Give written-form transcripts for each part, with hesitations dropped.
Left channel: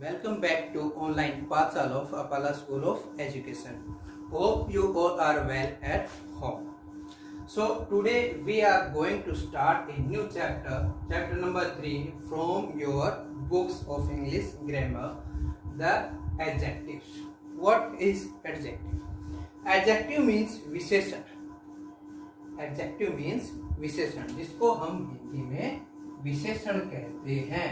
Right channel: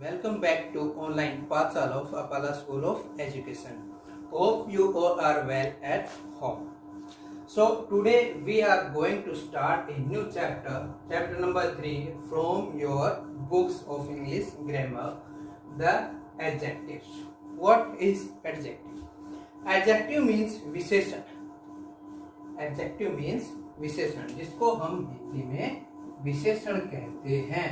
welcome back to online Pathsala of Apala School of Education. Hope you all are well at home. So today we are going to start a new chapter, chapter number 3 from your books of English grammar, the adjectives. What is adjective? Adjective means विशेषण. Adjective means विशेषण, जिसको हम हिंदी में विशेषण कहते हैं.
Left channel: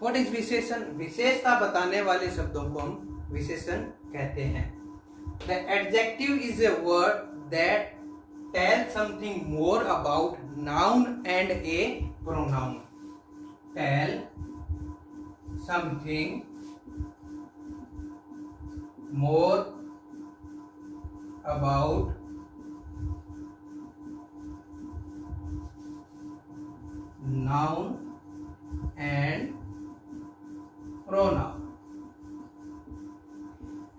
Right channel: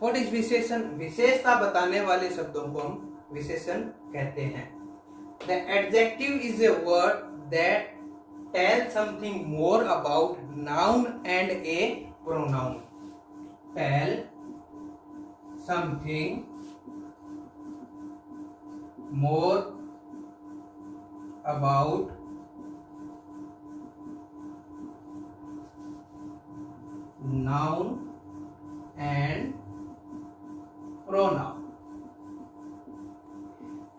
What is विशेषण? विशेषता बताने वाले शब्दों को हम विशेषण कहते हैं. The adjective is a word that tells something more about noun and a pronoun. Tell something more about noun and pronoun.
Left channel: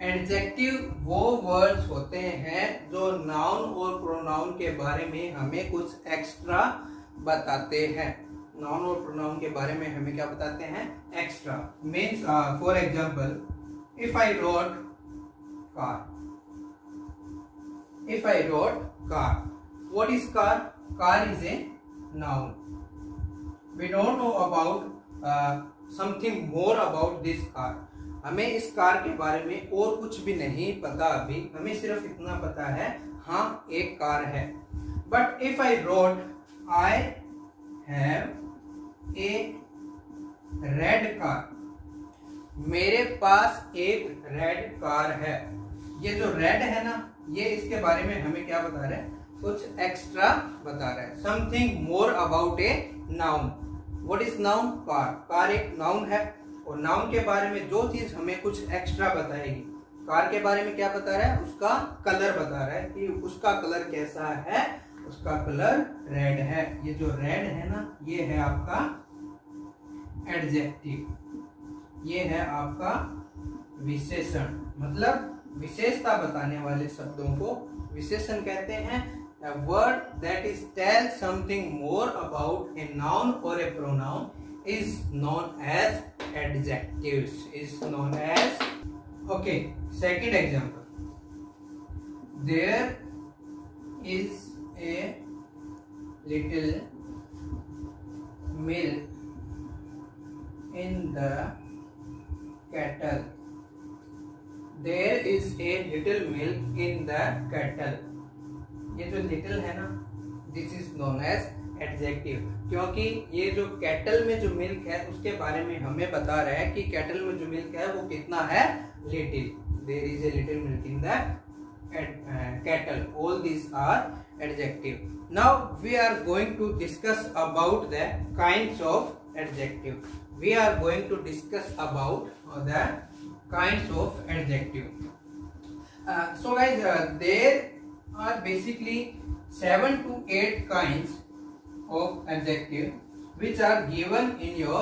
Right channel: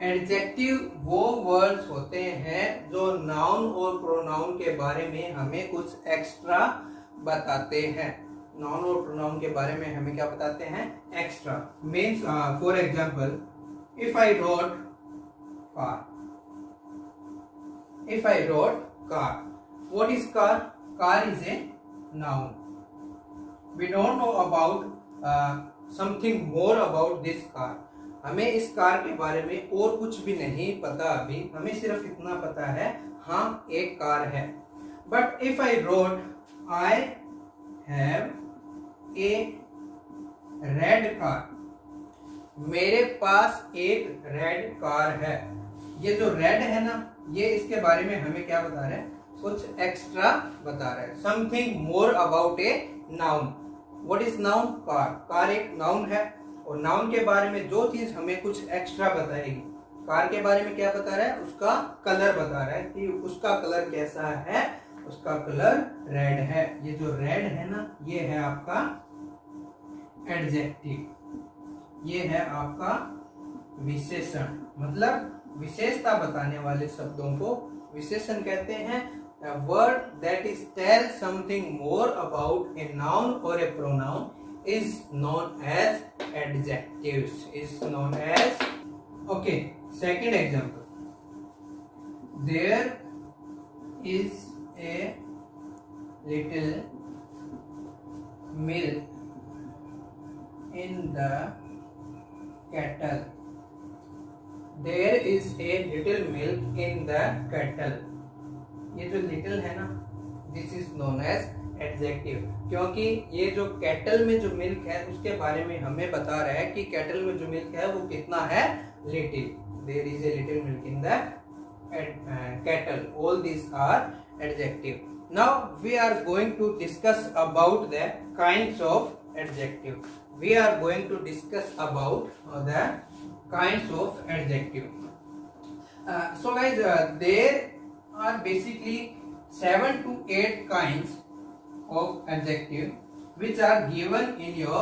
Adjective वो वर्ड्स होते हैं जो नाउन और प्रोनाउन के बारे में हमें कुछ एक्स्ट्रा बताते हैं. नाउन और प्रोनाउन के बारे में हमें क्या बताते हैं? Extra. Means for example, if I wrote car. If I wrote car, what is car? Car is a noun. We don't know about something more about this car. हमें इस कार के बारे में और कुछ भी नहीं पता अभी. हमें सिर्फ इतना पता है, हाँ एक कार है. But if I road I have a red car, मेरे पास एक रेड कार है. ये जो रेड है ना, ये इसके बारे में हमें क्या बता रहा है? कुछ एक्स्ट्रा बता रहा है. Something more about a noun. What is noun? Car. Car एक नाउन है और नाउन के बारे में जो चीज हमें कुछ एक्स्ट्रा बताएगी. कार के बारे में क्या बता रहा है? उसका कलर बता रहा है कि उसका कलर कैसा है. उसका कलर रेड है. ये जो रेड है ना, ये है आपका एडजेक्टिव. ये है आपका विशेषण. मतलब विशेषता बताने वाले शब्दों को विशेषण कहते हैं. A word that is tell something more about a noun or a pronoun is known as adjectives. Is known as. Okay, second example. There is a little milk in the kettle. There is a little milk in the kettle. ये जो little है ना, this is known as adjective. क्योंकि ये जो cattle में जो milk है उसके बारे में हमें बता रहा है कि कैटल में जो मिल्क है वो कितना है? Little. There is a little milk in the kettle. All this are adjective. Now we are going to discuss about the kinds of adjective. We are going to discuss about the kinds of adjective. So guys, there are basically 7 to 8 kinds of adjective which are given in your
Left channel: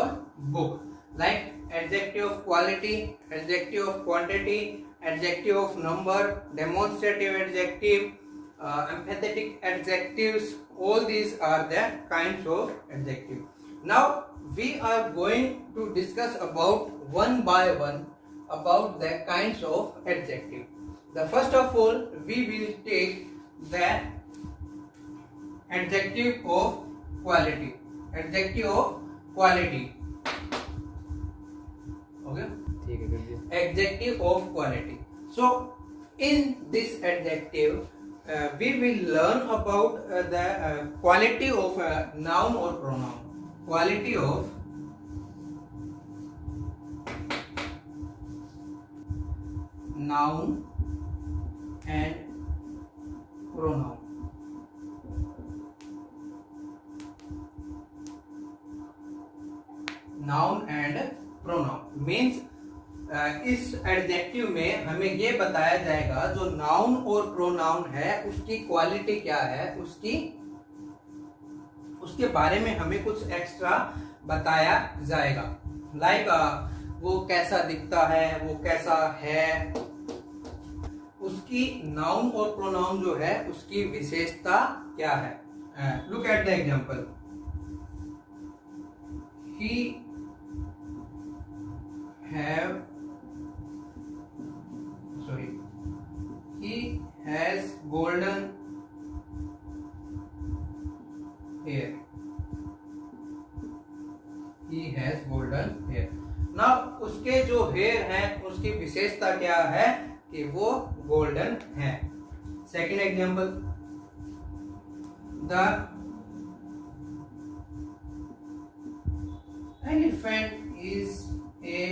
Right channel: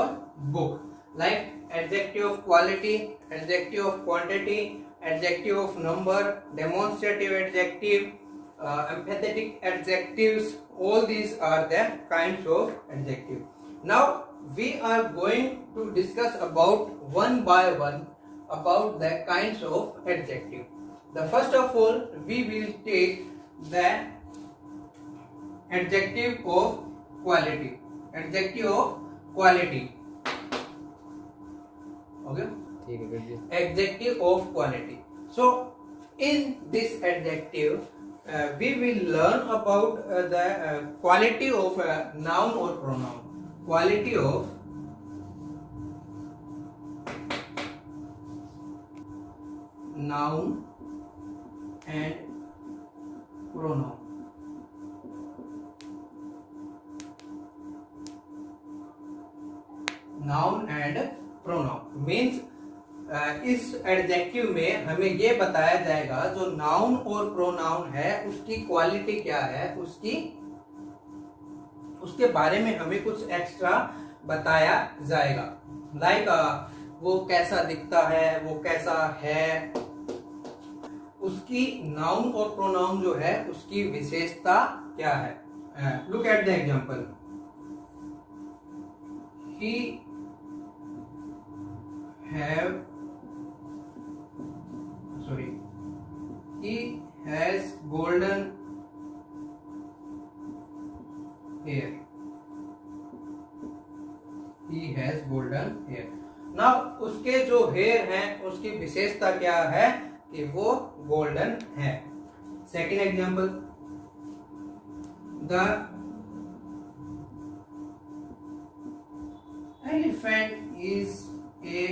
book, like adjective of quality, adjective of quantity, adjective of number, demonstrative adjective, emphatic adjectives. All these are the kinds of adjective. Now we are going to discuss about one by one about the kinds of adjective. The first of all, we will take the adjective of quality. Adjective of quality. Okay? Adjective of quality. So, in this adjective, we will learn about the quality of a noun or pronoun. Quality of noun and pronoun. Noun and pronoun means इस adjective में हमें ये बताया जाएगा जो noun और pronoun है उसकी क्वालिटी क्या है, उसके बारे में हमें कुछ एक्स्ट्रा बताया जाएगा. लाइक वो कैसा दिखता है, वो कैसा है, उसकी नाउन और प्रोनाउन जो है उसकी विशेषता क्या है. Look at the example. he have sorry he has golden hair. He has golden hair. Now उसके जो हेयर है उसकी विशेषता क्या है कि वो गोल्डन है. Second example, the elephant is a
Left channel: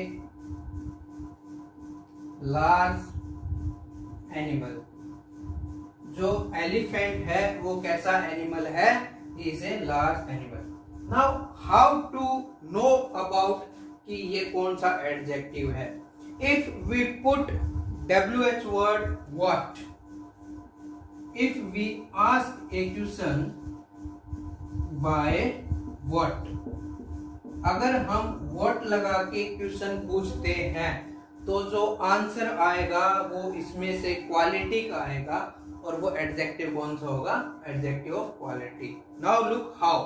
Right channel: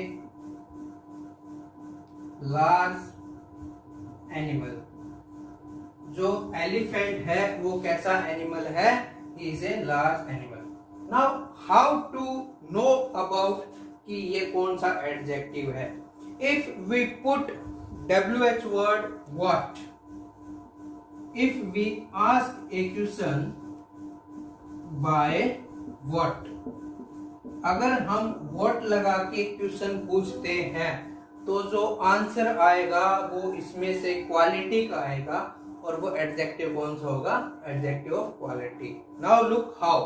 large animal. जो एलिफेंट है वो कैसा एनिमल है? He is a large animal. Now how to know about कि ये कौन सा एडजेक्टिव है? If we put WH word what, if we ask a question by what, अगर हम what लगा के क्वेश्चन पूछते हैं तो जो आंसर आएगा वो इसमें से क्वालिटी का आएगा और वो एडजेक्टिव कौन सा होगा? Adjective of quality. Now look how.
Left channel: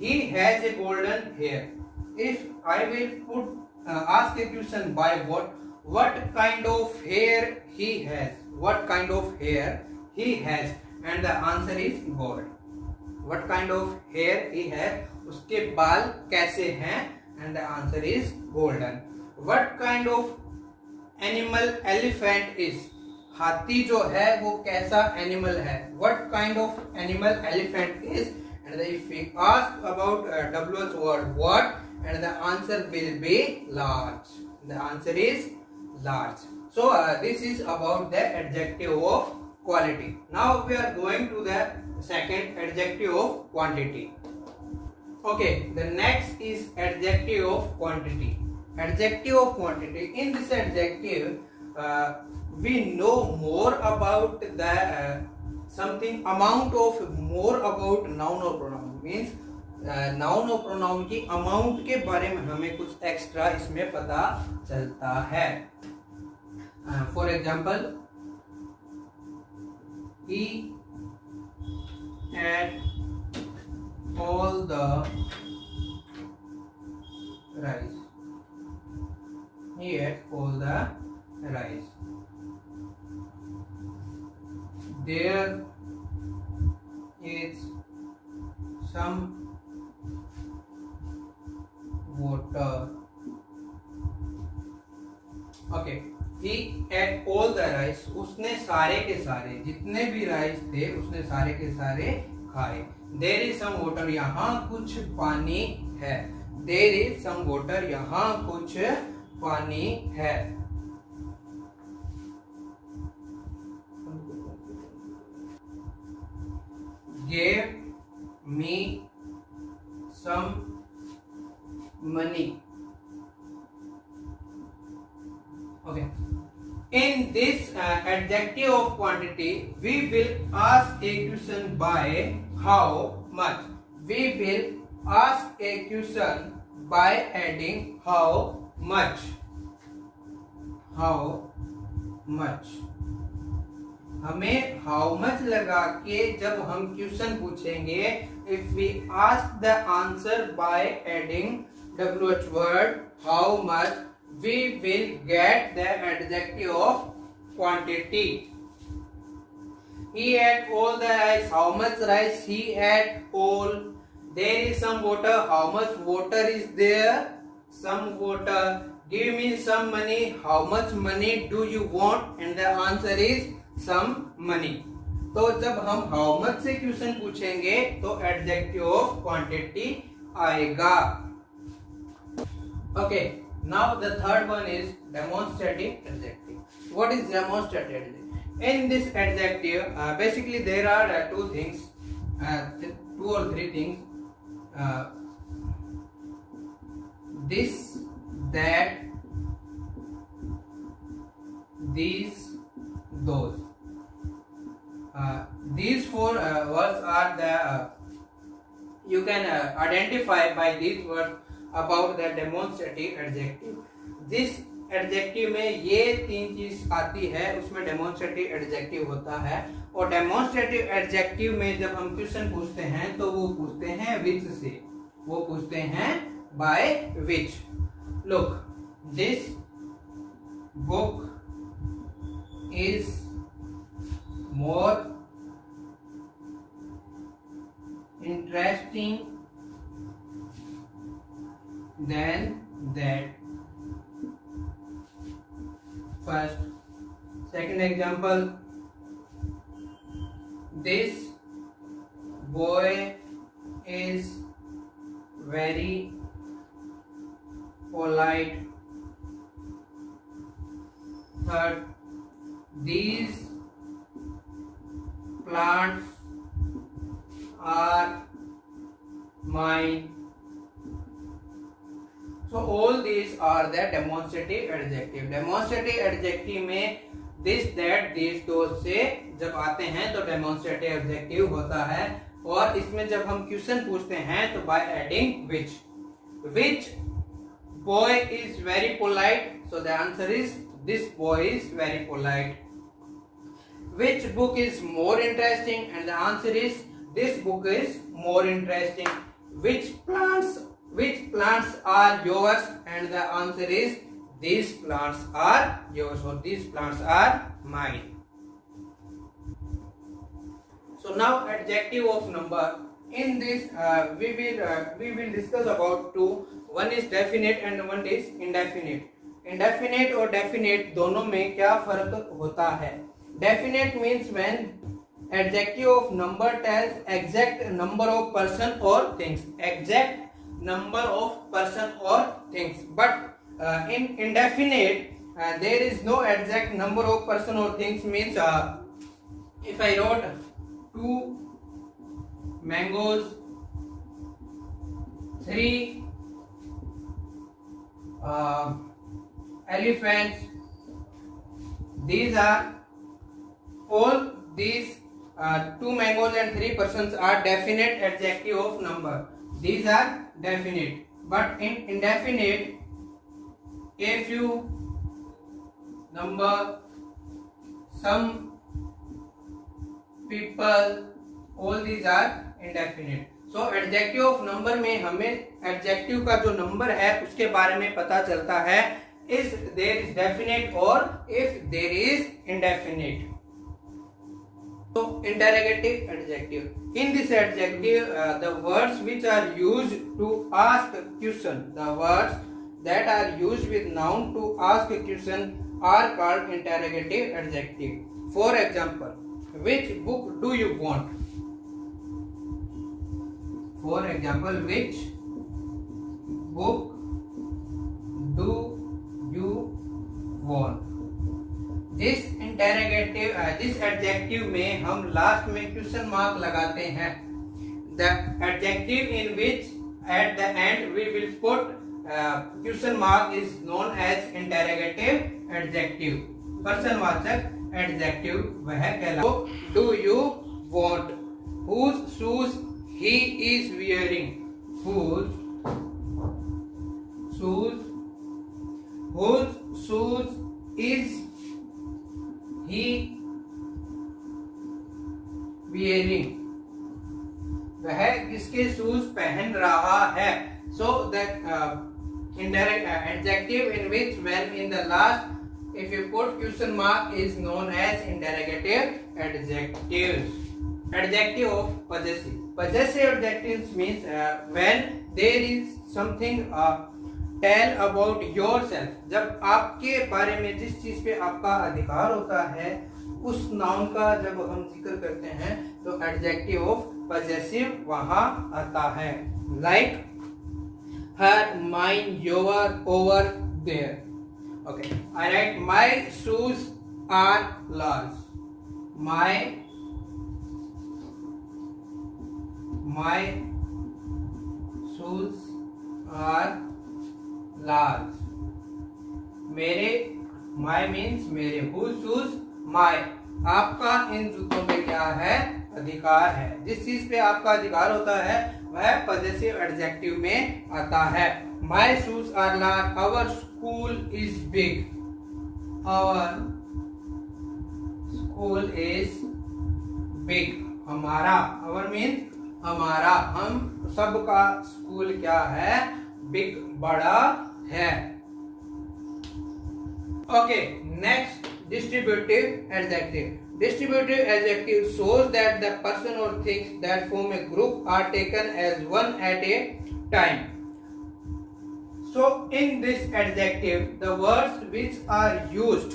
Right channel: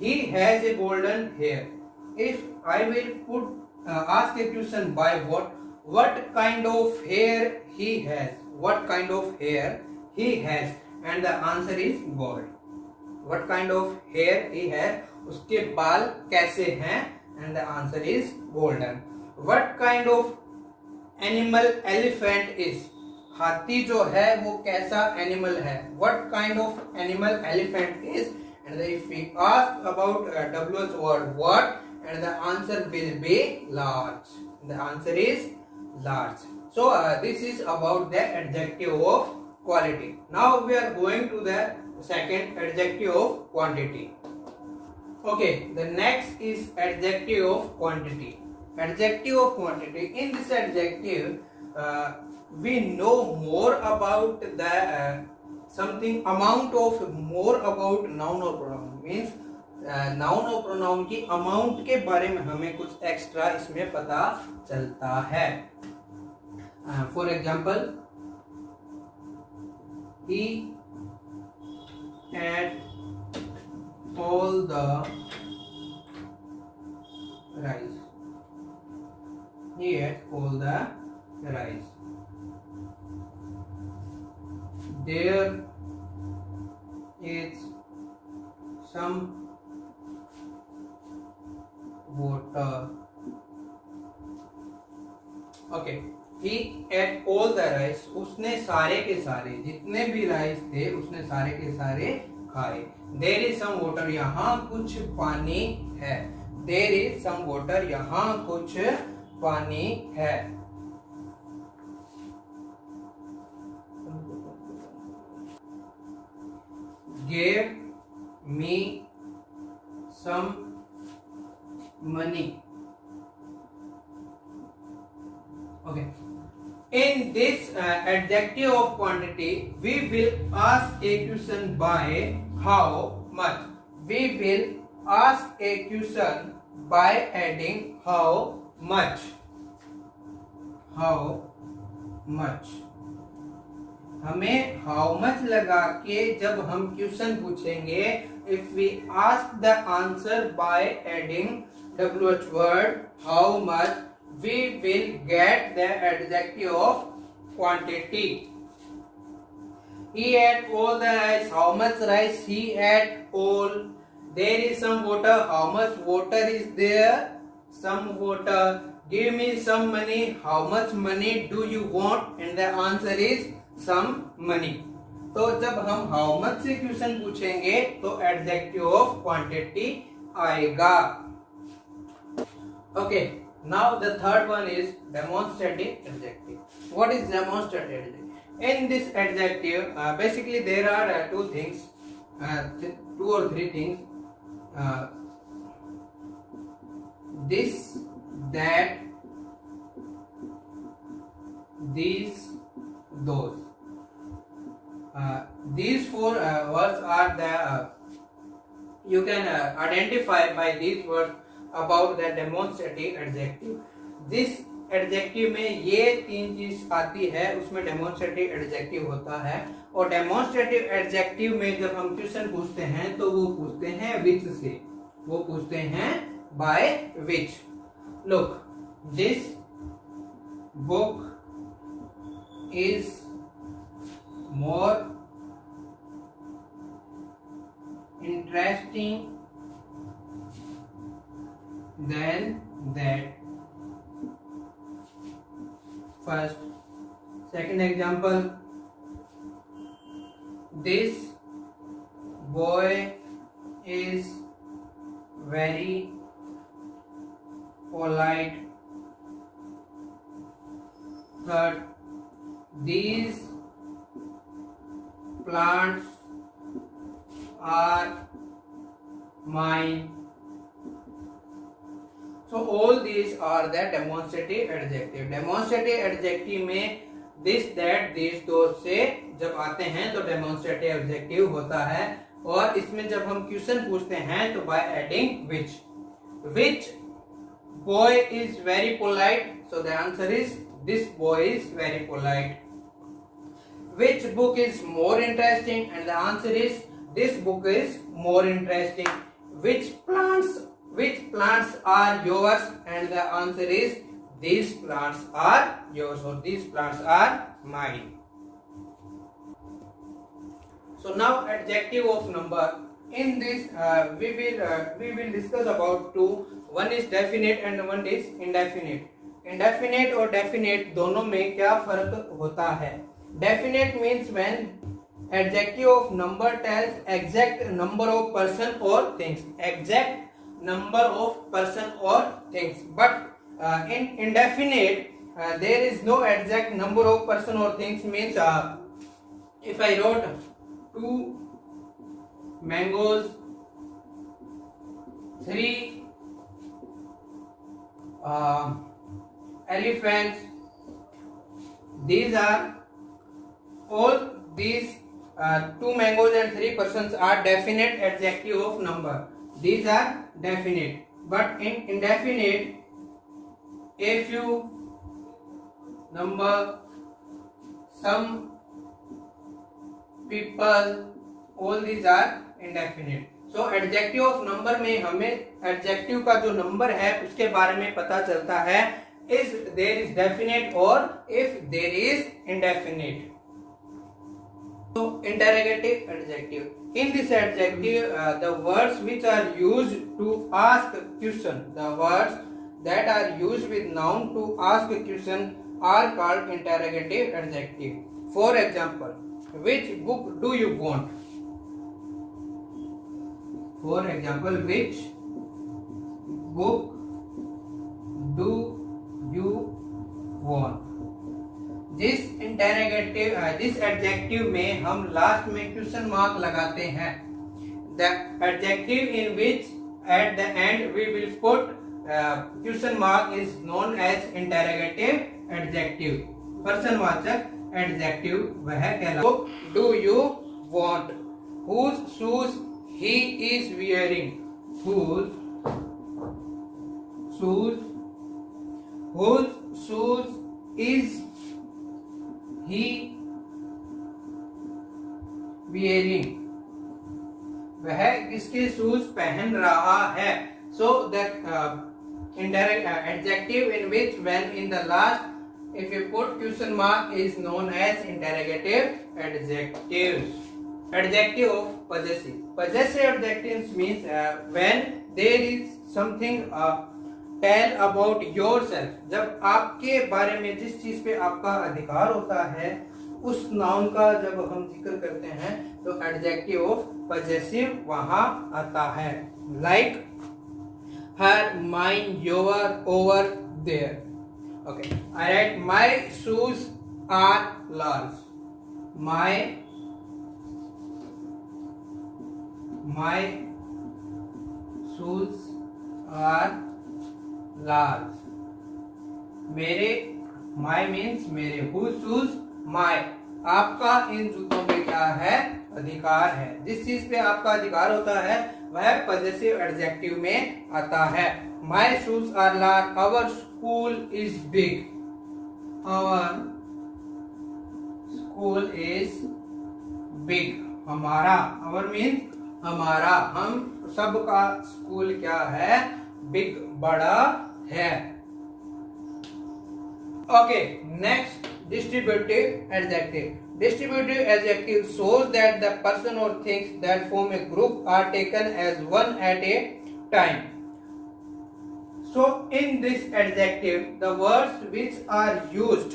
He has a golden hair. If I will put ask a question by what kind of hair he has? What kind of hair he has? And the answer is gold. What kind of hair he has? उसके बाल कैसे हैं? And the answer is golden. What kind of animal elephant is? हाथी जो है वो कैसा animal है? What kind of animal elephant is? And if we ask about WH word what, and the answer will be large. The answer is large. So this is about the adjective of quality. Now we are going to the second adjective of quantity. Okay, the next is adjective of quantity. Adjective of quantity. In this adjective, we know more about the something amount of more about noun or pronoun. Means noun और pronoun की amount के बारे में हमें कुछ extra इसमें पता चलता है. For example, he ate all the rice. He ate all the rice. There is some water. Okay, he ate all the rice. उसने सारे के सारे जितने भी राइस थे उसने सारे के सारे खाए. There is some water. यहाँ कुछ पानी है. There is some water. यहाँ कुछ पानी है. Gave me some money. Okay. In this adjective of quantity, we will ask a question by how much. We will ask a question by adding how much. How much. हमें how much लगा के जब हम question पूछेंगे, if we ask the answer by adding WH word how much, we will get the adjective of quantity. He ate all the rice. How much rice he ate? All. There is some water. How much water is there? Some water. Give me some money. How much money do you want? And the answer is some money. तो जब हम how much से question पूछेंगे तो adjective of quantity आएगा. Okay, now the third one is demonstrative adjective. What is demonstrative adjective? In this adjective basically there are two or three things. This, that, these, those. These four words are the you can identify by these words about the demonstrative adjective. This adjective में ये तीन चीज आती है, उसमें demonstrative adjective होता है. और demonstrative adjective में जब हम क्वेश्चन पूछते हैं तो वो पूछते हैं which से. वो पूछते हैं by which. Look, this book is more interesting than that. First. Second example, this boy is very polite. Third, these plants are mine. So all these are the demonstrative adjective. Demonstrative adjective में this, that, these, those से जब आते हैं तो demonstrative adjective होता है, और इसमें जब हम क्वेश्चन पूछते हैं तो by adding which. Which boy is very polite? So the answer is this boy is very polite. Which book is more interesting? And the answer is this book is more interesting. Which plants are yours? And the answer is these plants are yours, or these plants are mine. So now adjective of number. In this we will discuss about two. One is definite and one is indefinite. Indefinite और definite दोनों में क्या फर्क होता है? Definite means when adjective of number tells exact number of person or things. Exact number of person or things. But in indefinite there is no exact number of person or things. Means if I wrote 2 mangoes, 3 elephants, these are all these 2 mangoes and 3 persons are definite adjective of number. These are definite. But in indefinite, a few, number, some, people, all these are indefinite. So adjective of number में हमें adjective का जो number है उसके बारे में पता चलता है if there is definite or if there is indefinite. So interrogative adjective. In this adjective, the words which are used to ask question, the words that are used with noun to ask a question are called interrogative adjective. For example, which book do you want? For example, which book do you want? This interrogative this adjective में हम last में question mark लगाते हैं. The adjective in which at the end we will put question mark is known as interrogative adjective. पर्सनवाचक adjective वह कहलाता है. Book do you want? Whose shoes he is wearing? Whose shoes is he wearing? वह किसके shoes पहन रहा है? So that indirect adjective in which when in the last if you put question mark is known as interrogative adjective. Adjective of possessive. Possessive adjectives means when there is something tell about yourself. जब आपके बारे में जिस चीज पे आपका अधिकार होता है उस नाउन का जब हम जिक्र करते हैं तो एडजेक्टिव ऑफ पजेसिव वहां आता है. Like her, mine, your, our, their. Okay, I write my shoes are large. My shoes are large. मेरे, my means मेरे. Whose shoes? My. आपका इन जूतों पे क्या है? अधिकार है. जिस चीज पे आपका अधिकार होता है वह पजेसिव एडजेक्टिव में आता है. My shoes are large. Our school is big. Our school is big. हमारा, our means हमारा, हम सबका स्कूल क्या है? बिग बड़ा है। Okay, next distributive adjective. Distributive adjective shows that the person or things that form a group are taken as one at a time. So in this adjective, the words which are used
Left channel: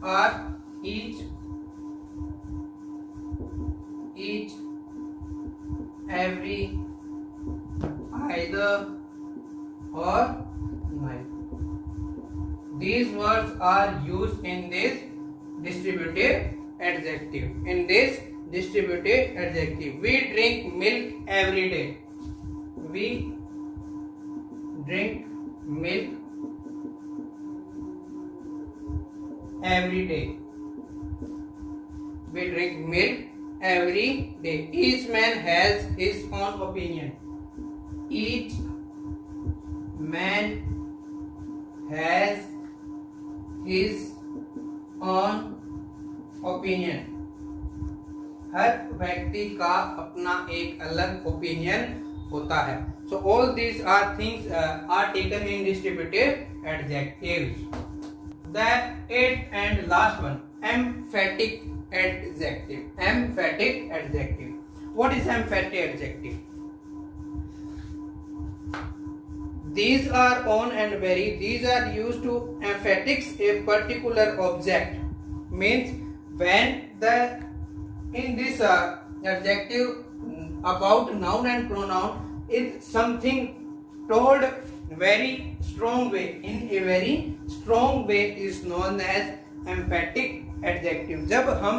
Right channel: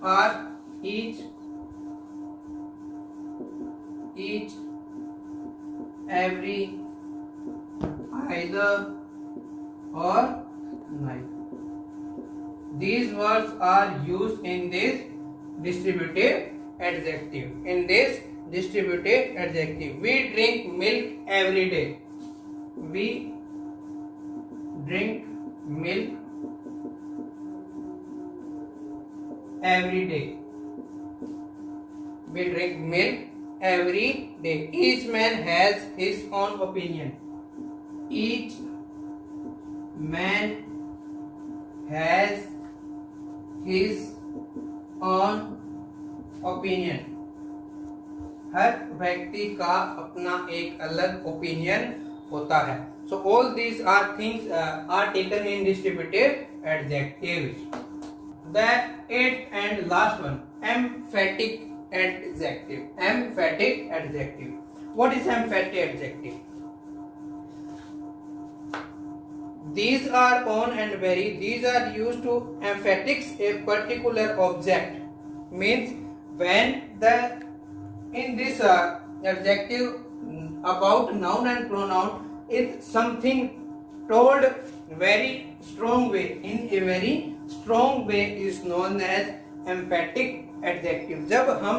are each, every, either, or neither. These words are used in this distributive adjective. We drink milk every day. We drink milk every day. We drink milk every day. Each man has his own opinion. Each man has his own opinion. हर व्यक्ति का अपना एक अलग opinion होता है. So all these are things are taken in distributive adjectives. The eighth and last one, emphatic adjective. Emphatic adjective. What is emphatic adjective? These are on and very. These are used to emphasize a particular object. Means when in this adjective about noun and pronoun is something told very strong way. In a very strong way is known as emphatic adjective. जब हम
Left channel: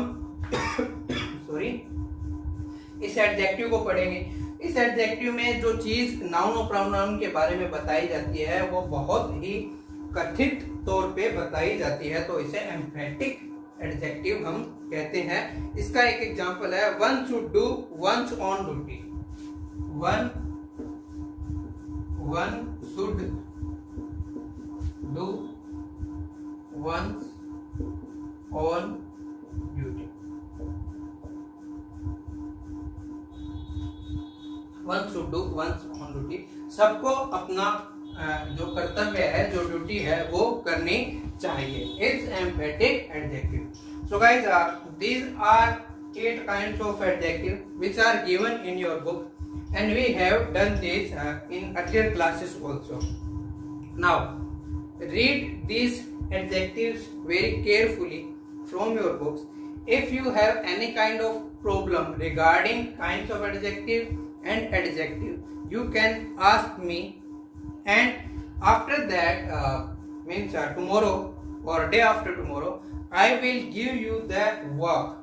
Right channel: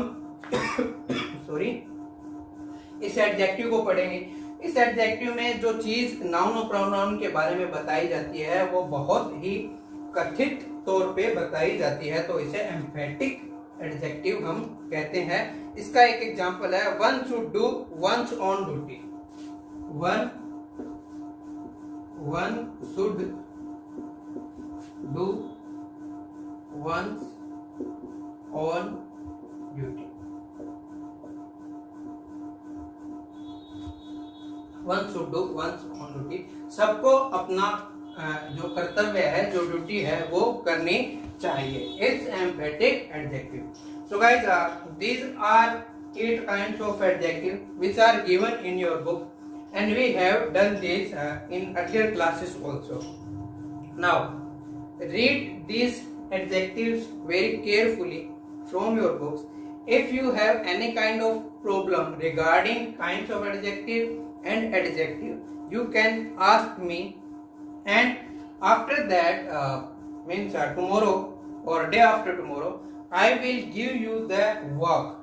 इस adjective को पढ़ेंगे, इस adjective में जो चीज noun और प्रोनाउन के बारे में बताई जाती है वो बहुत ही कथित तौर पे बताई जाती है, तो इसे एम्फेटिक एडजेक्टिव हम कहते हैं. इसका एक एग्जांपल है, one should do one's own duty. One should do one's own duty. One should do one's own duty. सबको अपना जो कर्तव्य है, जो ड्यूटी है, वो करनी चाहिए. It's emphatic adjective. So guys, these are 8 kinds of adjective which are given in your book, and we have done this in earlier classes also. Now read these adjectives very carefully from your books. If you have any kind of problem regarding kinds of adjective and adjective, you can ask me, and after that means tomorrow or day after tomorrow I will give you the work.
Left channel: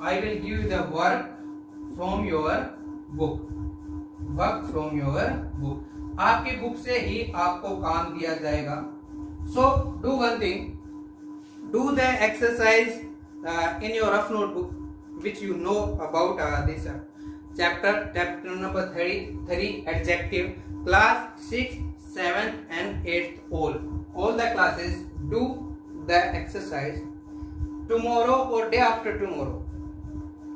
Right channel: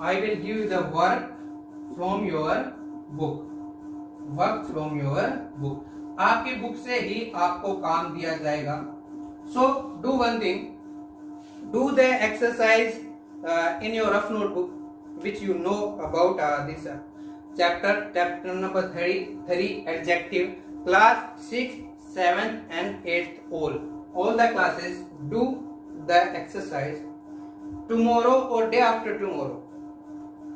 I will give you the work from your book. Work from your book. आपकी book से ही आपको काम दिया जाएगा. So do one thing. Do the exercise in your rough notebook, which you know about this chapter number 3 adjective. Class 6, 7 and 8 all the classes do the exercise. Tomorrow or day after tomorrow,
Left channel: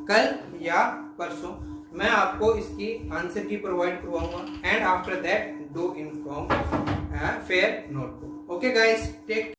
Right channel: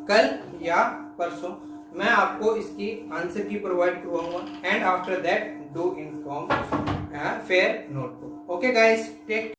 कल या परसों मैं आपको इसकी answer की provide करवाऊंगा, and after that do inform fair notebook. Okay guys, take